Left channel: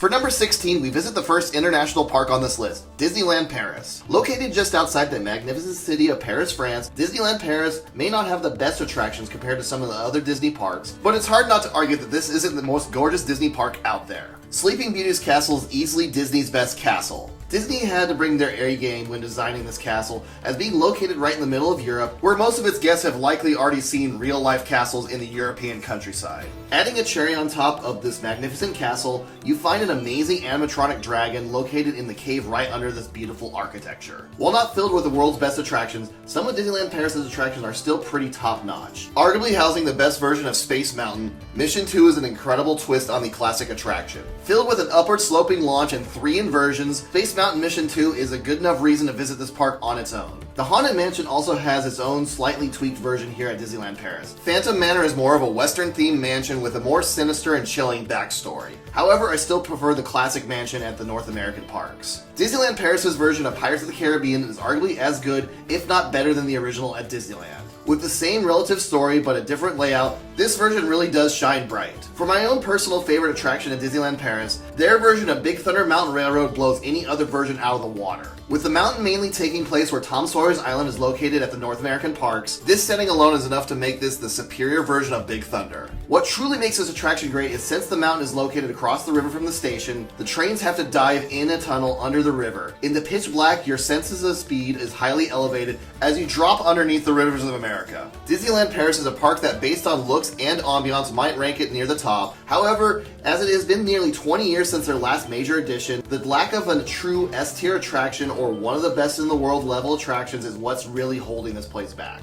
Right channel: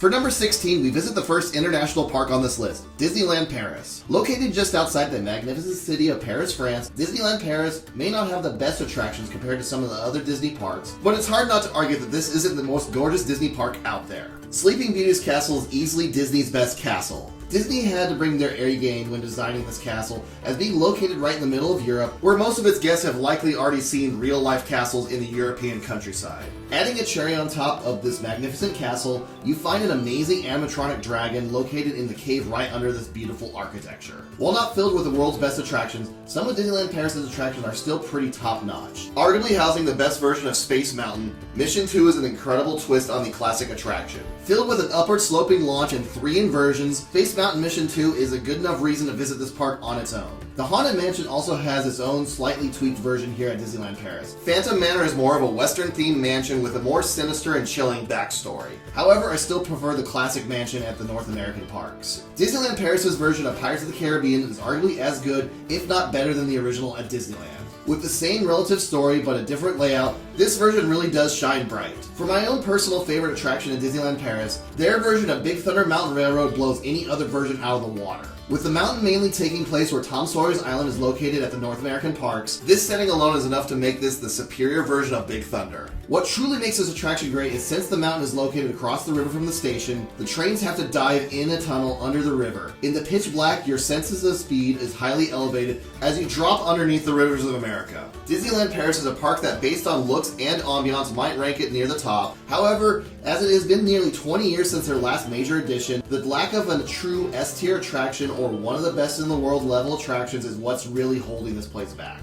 For number 16, we visit the first international park on this list, Disneyland Paris. Located just outside the magnificent city of Paris, France, Disneyland Paris may not have the best attractions compared to some of the other Disney parks, but it's hard not to argue that this isn't the most gorgeous Disney park out there. Sleeping Beauty's castle is easily Disney's best castle. Disney had to bring their A game when designing this castle, as being located right in the middle of Europe, where most of its guests have likely already seen real-life castles in the European countryside. Adding a cherry on top of this magnificent castle, you find an amazing animatronic dragon located in the cave right under this beautiful architecture. While not filled with the world's best attractions, some of Disneyland Paris' attractions are still pretty top-notch. Arguably housing the best version of Space Mountain, Mission 2 is an incredible twist on the classic attraction. Filled with an upward sloping launch and 3 inversions, Space Mountain Mission 2 is a good enough reason to visit this park on its own. The Haunted Mansion also has its own slightly tweaked version here at Disneyland Paris. Phantom Manor is more of a Western-themed mansion with a more sinister and chilling backstory. However, I still prefer the classic mansion at the North American parks. Disneyland Paris' version of Pirates of the Caribbean is arguably as good, if not better than the original at Disneyland. With the same relative story but a different layout, this version really does shine bright. For my own personal favorite attraction at Disneyland Paris, their version of Big Thunder Mountain Railroad blows any other version out of the water. With the mountain mainly taking place where Tom Sawyer's Island is located at the North American parks, this setting alone is enough to make this the superior version of Big Thunder. What truly makes this attraction great is since the mountain is located across the river from the station, the trains have to dive in a tunnel under the river. In the pitch black, your senses of speed is highly elevated as you drop underneath the rivers of America. Disneyland Paris is a park that, based on looks and ambiance, might rank it near the top. However, as it has been nearly 20 years since their last major addition, the lack of a true S-tier attraction or one of the best in the world level attractions is what's really holding this place back.